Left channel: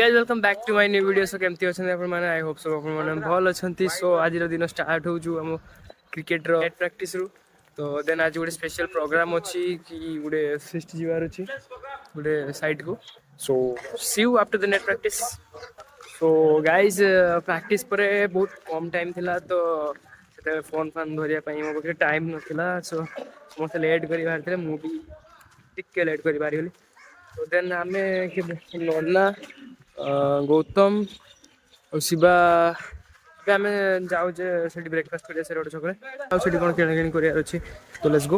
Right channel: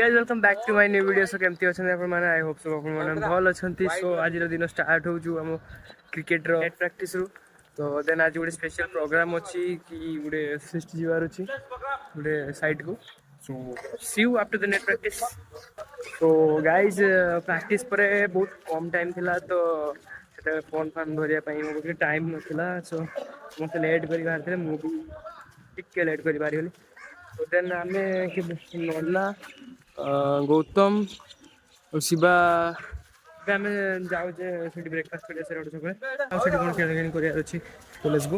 guys, welcome back to my new video. So केमती अछन अपन माने I hope सब अपन माने भल अछंती. सो आज रो दिन स्टार्ट हो छु हम क्रिकेट रो नेट प्रैक्टिस रु. तो देन आज गुडे स्पेशल प्रोग्राम अछि कि गुडे फिस्ट जीवार अछि गुडे साइट को. So see you after the net practice. So guys practice परे बहुत कम टाइम थिला तो सेते फोन फान धरिया पई मो के टाइम नथिला. सो मते लेट करी बाहर थे मु भी टिके लेट करी बारी होली. तो देन आमे के ना गौतम और शिवा के आमे जाऊ जे सेठी ब्रेकफास्ट करिया से रोड छकरे आ सेठी कोन केना केनी करिया अछि. तो लेट्स गो.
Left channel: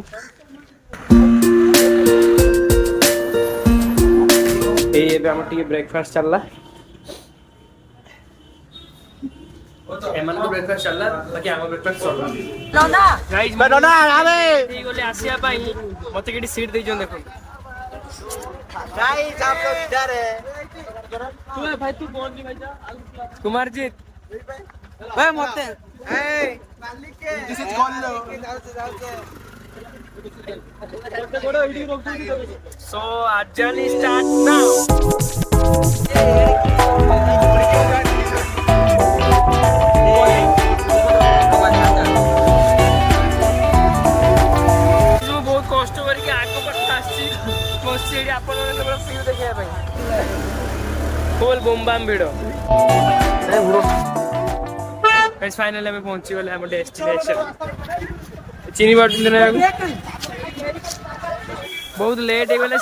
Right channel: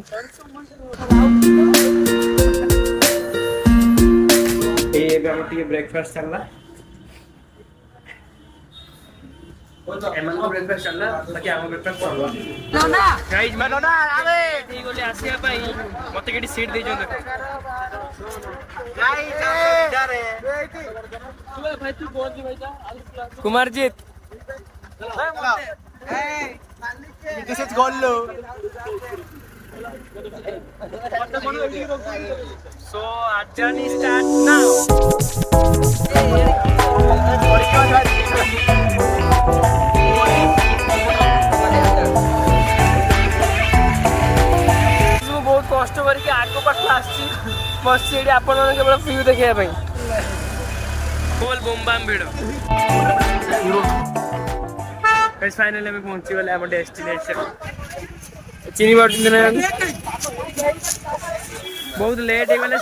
ए बे हम टिके ब्रेकफास्ट चलला एमन को ब्रेकफास्ट चलला बाकी आम ब्रेकफास्ट चलला नोना गाइस नोना आवे ई गोले आसिया पई मते केडी सीट दे जों देखो गाइस आप लोग इधर है. तू भाई तू बोल जी भाई जा कुमारजीत भाई मते ए मालिक के किसे गोल लो मते कोडो इडी रोक दो. सो आज जर्नी स्टार्ट नाउ. कष्ट करके आगो पाख आसी बस आपण केवल व्यू देखा फुल बोमबाम भिड़. फाइनली आम पहुंची गले आम डेस्टिनेशन चिन्ह पार्टी. बहुत लेट हो गले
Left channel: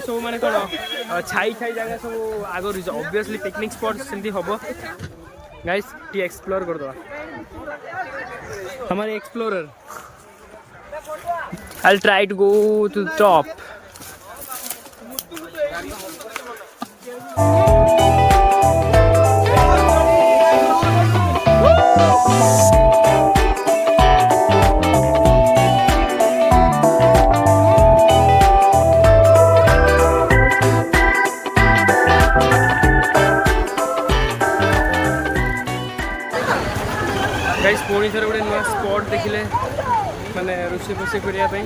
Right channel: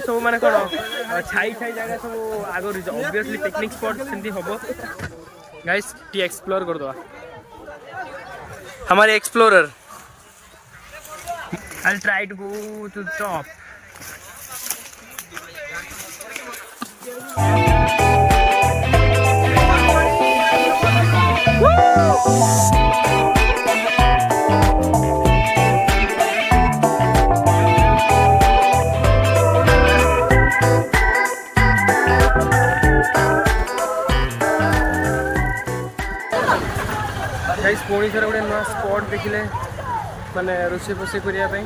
सब माने कौन छाई छाई जगह सब आगर ऑब्वियसली पिकनिक स्पॉट सेमती हम गाइस टी एक्सप्लोर कर दवा हमारे explorer. I'll try to go to the top. Guys पुणी थोड़ा गोटे नुआ स्पॉट देखिले माने रोषे फोषे करने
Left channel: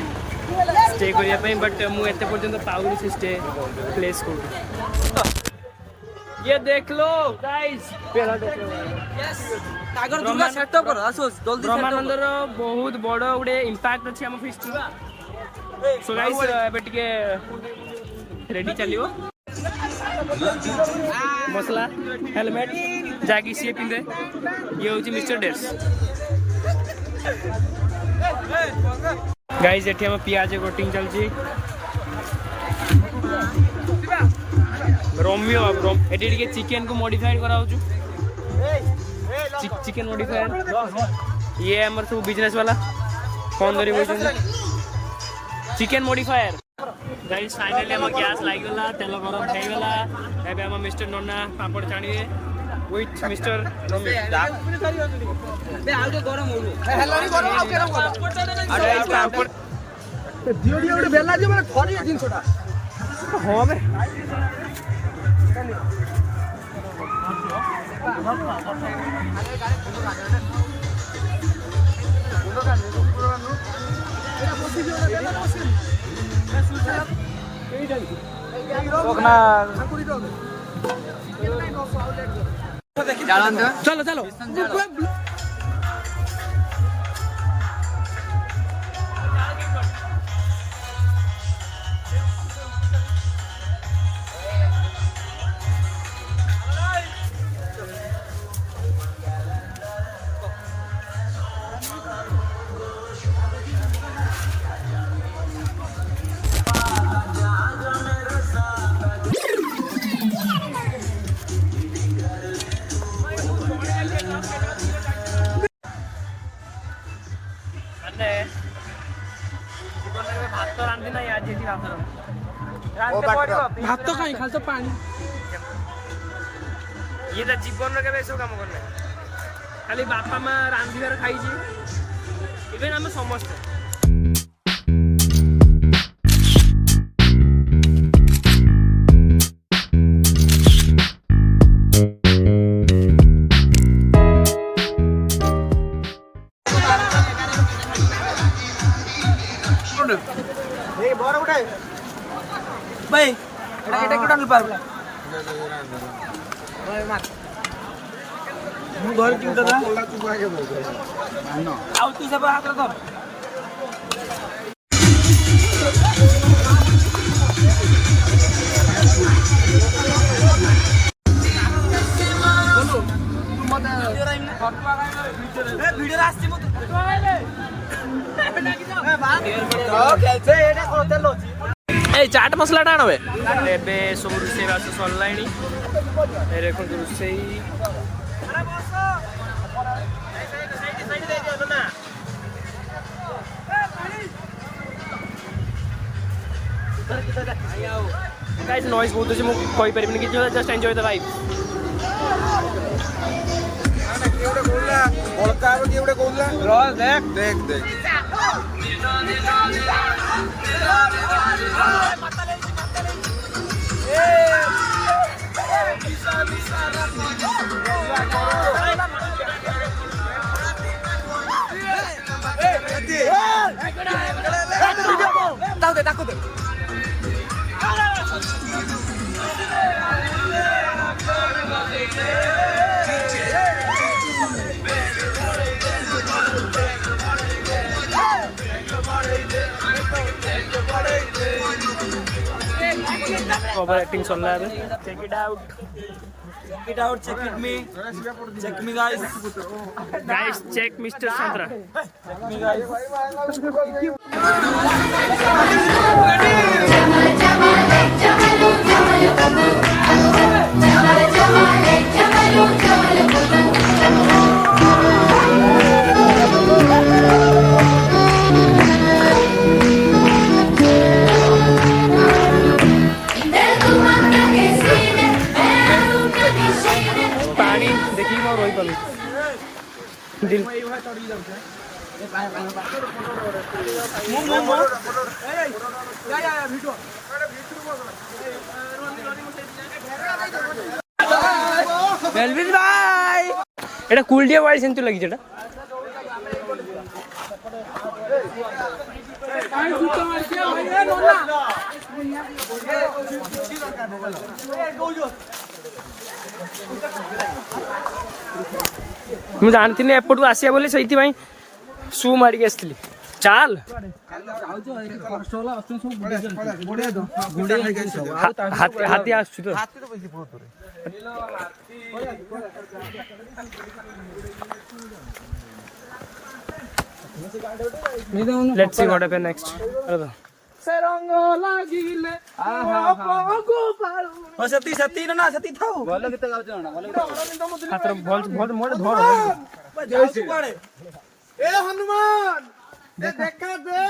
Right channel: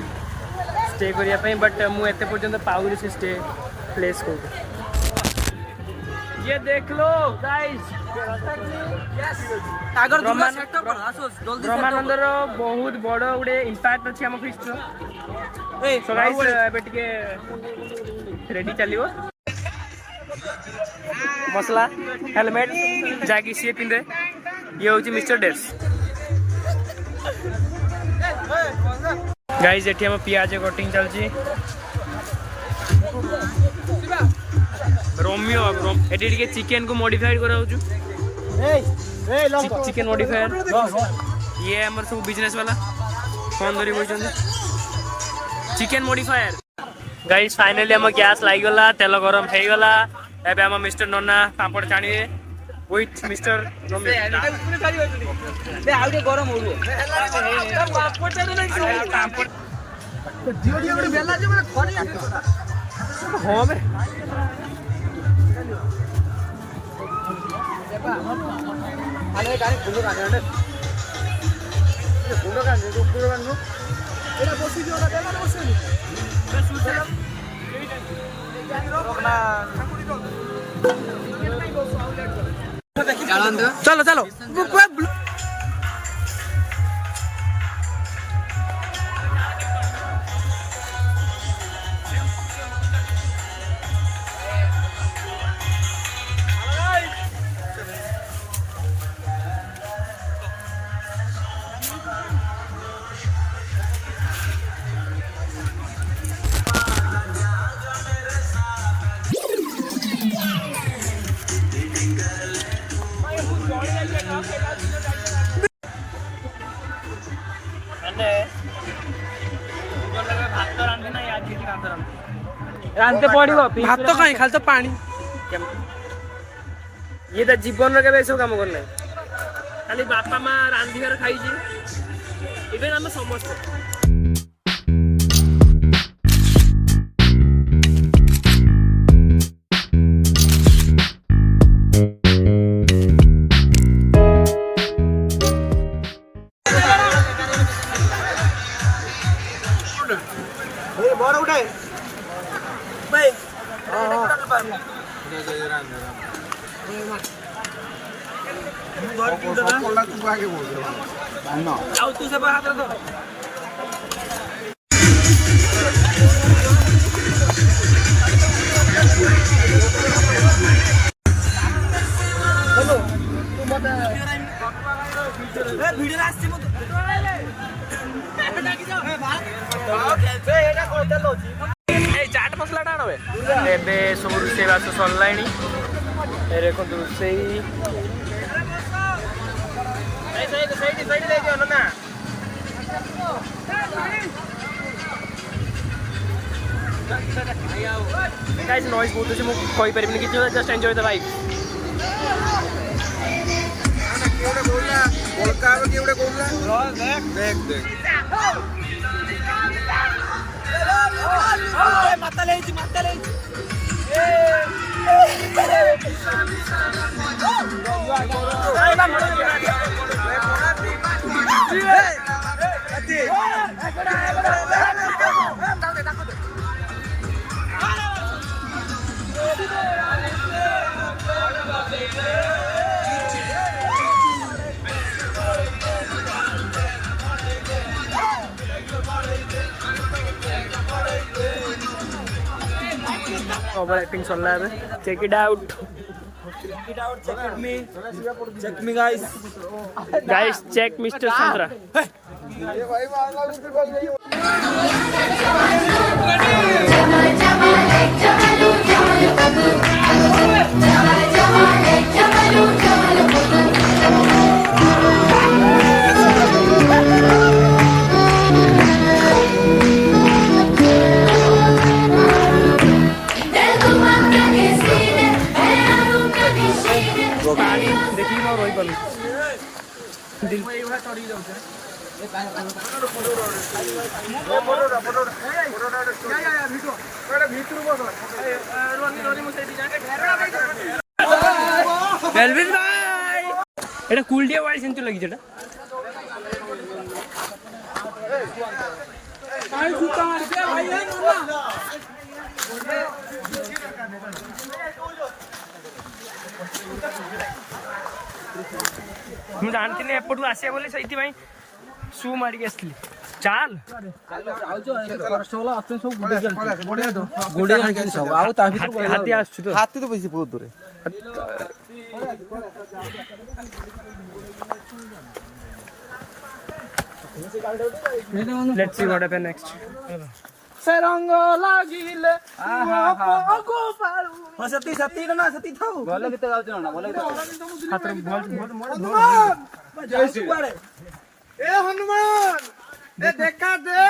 स्टे करने बट मुझे पर्यंत पाऊनी से स्टे प्लेस को. ये देख लो गाइस ब्रह्मानंदर बहुत बड़ गोटे इम्पैक्ट अच्छी आम फिस्ट. सो गाइस एबे टिके रेडी चलियो मसला हेलमेट जाकी सी पिंधे. ये हूँ मिस्टर डेस. गाइस एठी हम पियाज कटिंग चलची रोमियो एठी के चिकन को मॉडिफाइड करा होचु चिकन मॉडिफायर. ये हमर सब बिजनेस वाला फोन धरी बोइछन चिकन मॉडिफायर. गाइस फाइनली हम गैस लागी गला तेल गरम हे गला. एबे हम मिस्टर नन्ना पापड़ छाणी विथ मिस्टर रोमियो गरम हो पापड़ बेला हाँ बे चलो चलो भात तो कहीं खाली तो पानी. ये तो जीवन रे सब काम करना खाली बापा माँ रांधिबार खाई इवेन आम समस्ते भाई এটা এটা কোটা পারবলা चाट मसला टा आनबे ଏବେ ସବୁ ରୋଷେଇବାସ ସରିଲାଣି। ଏ ଦେଖନ୍ତୁ ରୋଷେଇ गाइस नॉइज बहुत अछि, मु कहि परिबिनी कि just enjoy the vibe. Over acting चल रहा है। Check it out, check me guys guys check mister Santra. पानी देखी मैं रोई पालू दिल मेलविन भाई एटा कुलडिया वाइड सेंतु लगी जेटा पानी सुता मार के भाई ए नन्ना ମୁଁ ଜାଣିଥିଲି ଏପଟକୁ ଆସିବା ବୋଲି, ସେଇଥିପାଇଁ ସୁ ମାରିକି ଆସିଥିଲି। ଚାଲ ହାତୀ ଆସୁଛି ତ, ହାତୀ ତ ବେଶୀ ବହୁତ ଦୂରେ। Let's see what happen next. सरंग लागिले सती सती ना सती थाउ भलो गीत गाउछ ना भलो हातर बॉल बॉल मोड़ जैसी कुआडे ए हनुमान दे देखा दे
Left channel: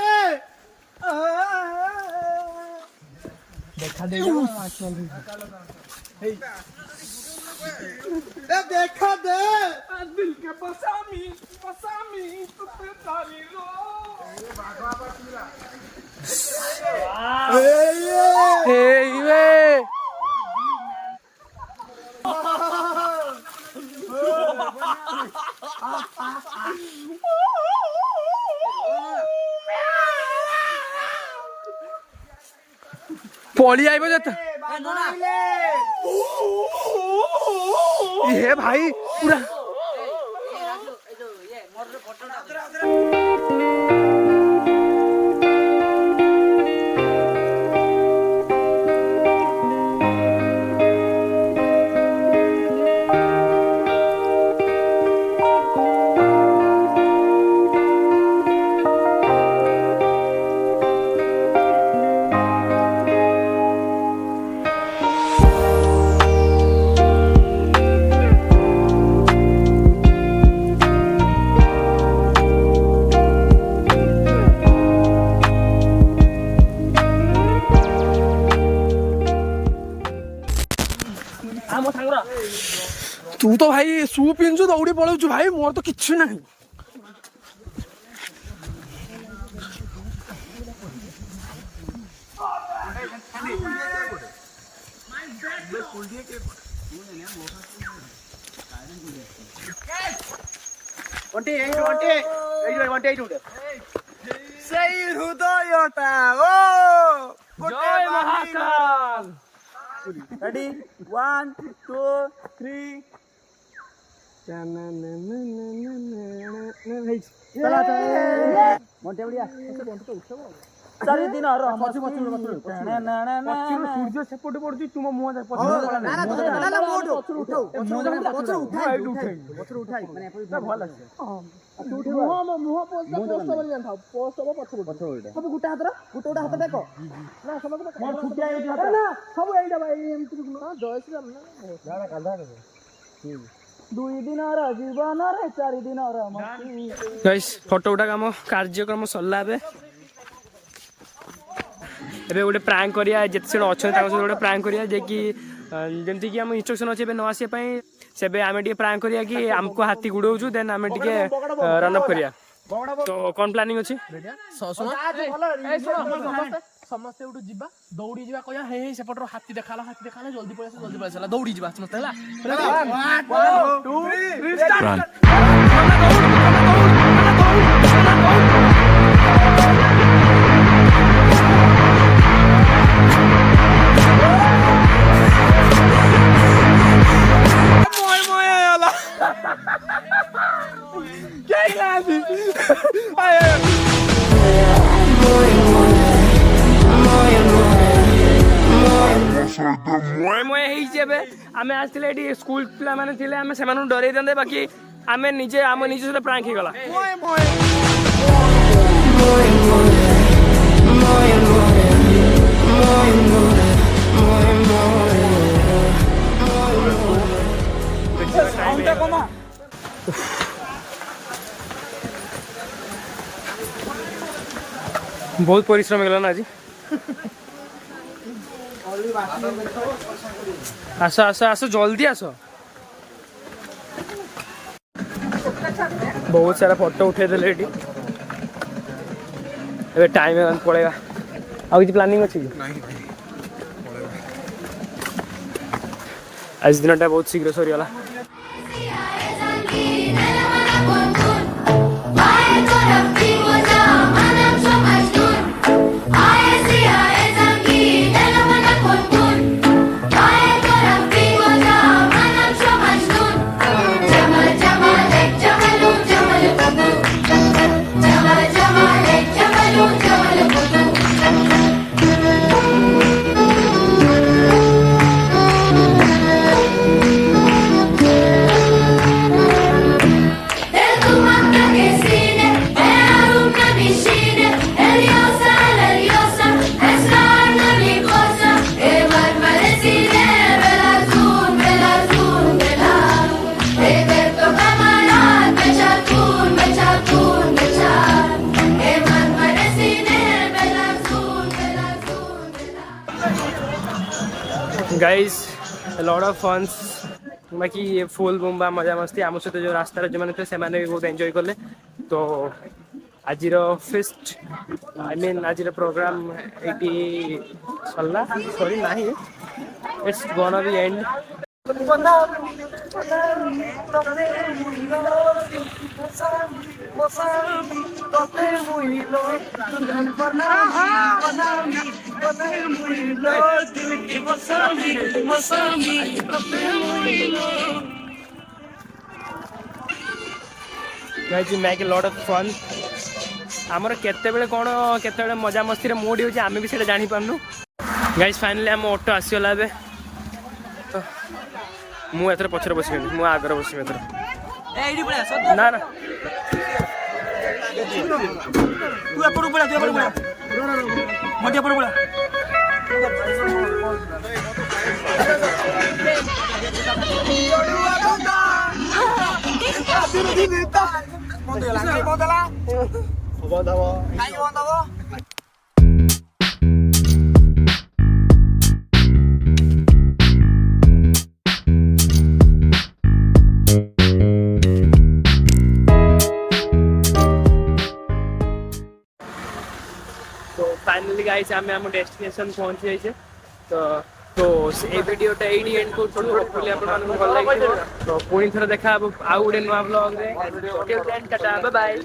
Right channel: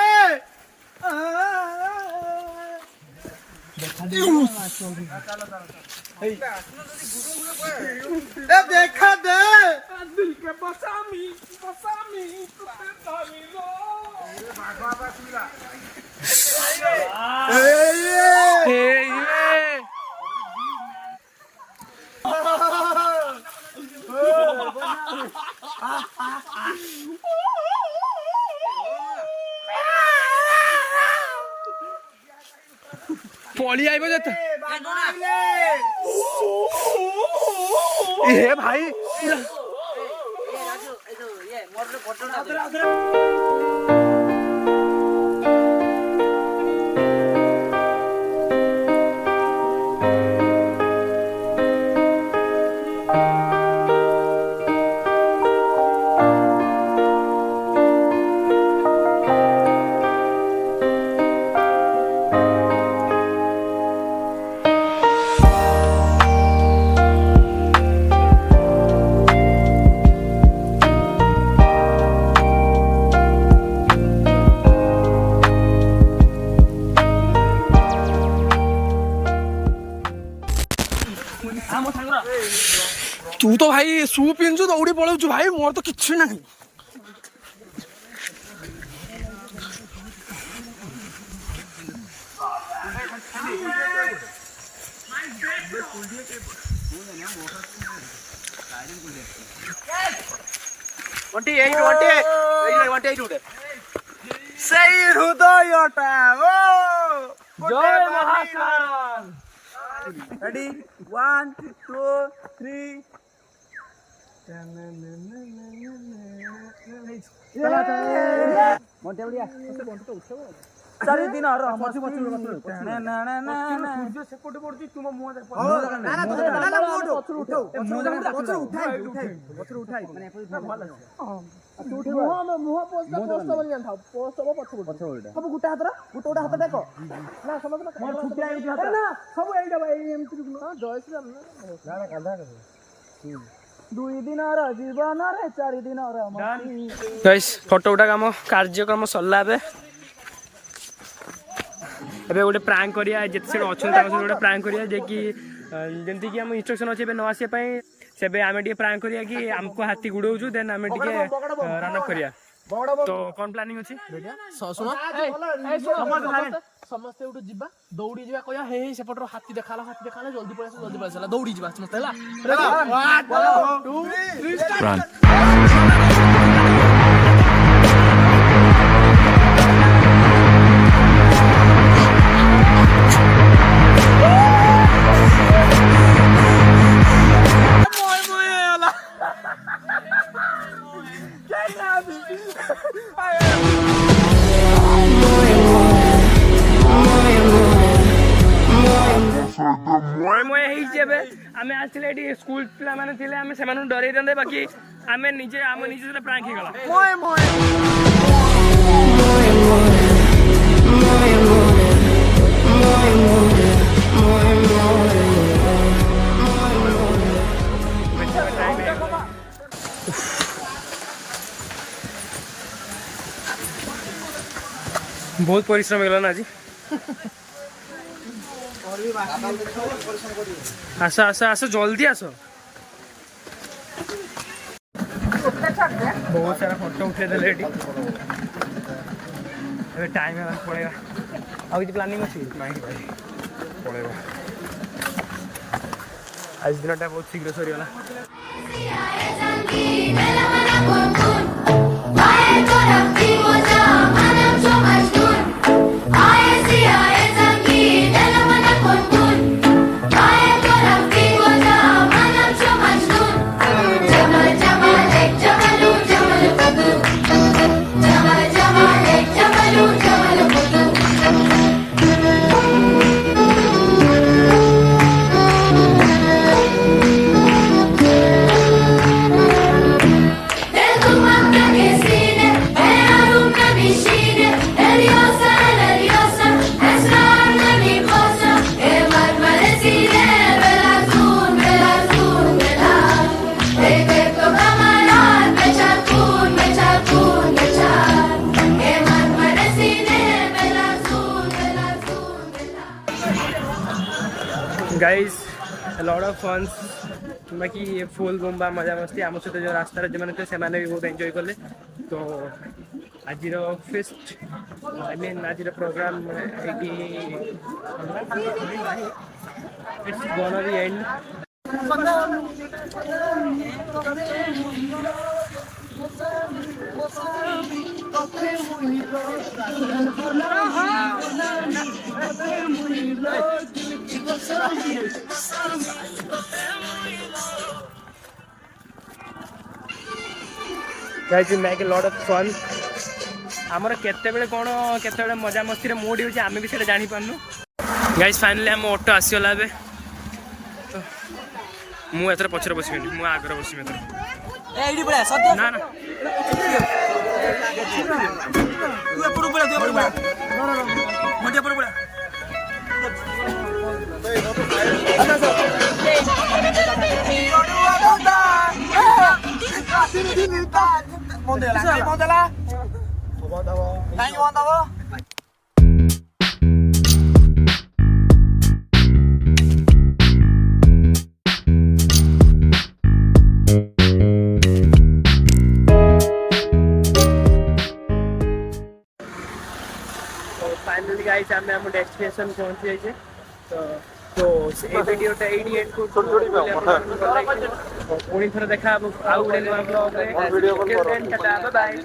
देखा दे ए देखा दे दिल के बसामी तुते तारी रो भागवा बसुला पॉली आइब जाता ये भाई पूरा तू तो भाई शू पिंचु दौड़ी पलाऊ भाई, मोर तो किसी ना सही हृदय जय महाकाल रेडी 1 2 3 मोटे बढ़िया चारि दिन सेपट पड़ुची तुम मुह फोटो उठा कम कार्यक्रम सरला एबे गोटे प्रांक करिया जिते अच्छा गोटे प्रांक करिया जे कि जमती कि आम इंस्ट्रक्शन अच्छे न आसपा से आम प्रांक करिया कि आमको हाथी गुड़ाऊँ देन आम रन अप करिया तो कौन प्लानिंग अच्छी समस्ते उठू जीवा दौड़ी जीवा कहया हे सेपटर हाथी देखाला जल्दी पळेसा दौड़ी जीवा समस्ते हला 1 2 3 स्टार्ट आमे आसले एटी स्कूल पिला माने थिले आमे सेमानु डरै दंदे बाकी आमे निजे से प्रांक ही गला बहुत परिश्रम गला ना आज आस आस आस जल्दी आस बहुत सारा फोटो उठे देले एटी अबे टाइम पड़ेगा आ किसी प्लानिंग अच्छी नहीं भाई पड़ेगा आज दिनटा बहुत शीघ्र सरीगला गाइस लॉट ऑफ फन्स बाकी फुल बुम्बा मजा मस्ती आम सहित जो रास्तार जो मैंने थे से भी बहुत एंजॉय कले तो आज फेस्ट आई मीन आज प्रोग्राम ये सरला सॉरी ना it's gonna be and guys we make a lot of fun आमर केते बेले कोन केते बेले मजा मस्ती रे मूड होची आमे भी सेटा जानि पानु गाइस फाइनली हम ऑटो आसीला बे तो मु एतर पछरे बसिबे मु आदर बसिबे एतर ए आईडी पळा सब ना ना तू एपरु पळा मोटे एपरु पळा Mondela, mondela. Kain mondela. तो फाइनली गाइस आम आम डेस्टिनेशन पहुंची जाइए तो ए वीडियोटा एडी एंड को बोली आपन भल लागियो तो पुणी थरा देखा आउ गुडे नुआ ब्लॉग रे वीडियो के फ्रेंड टाटा बाय बाय।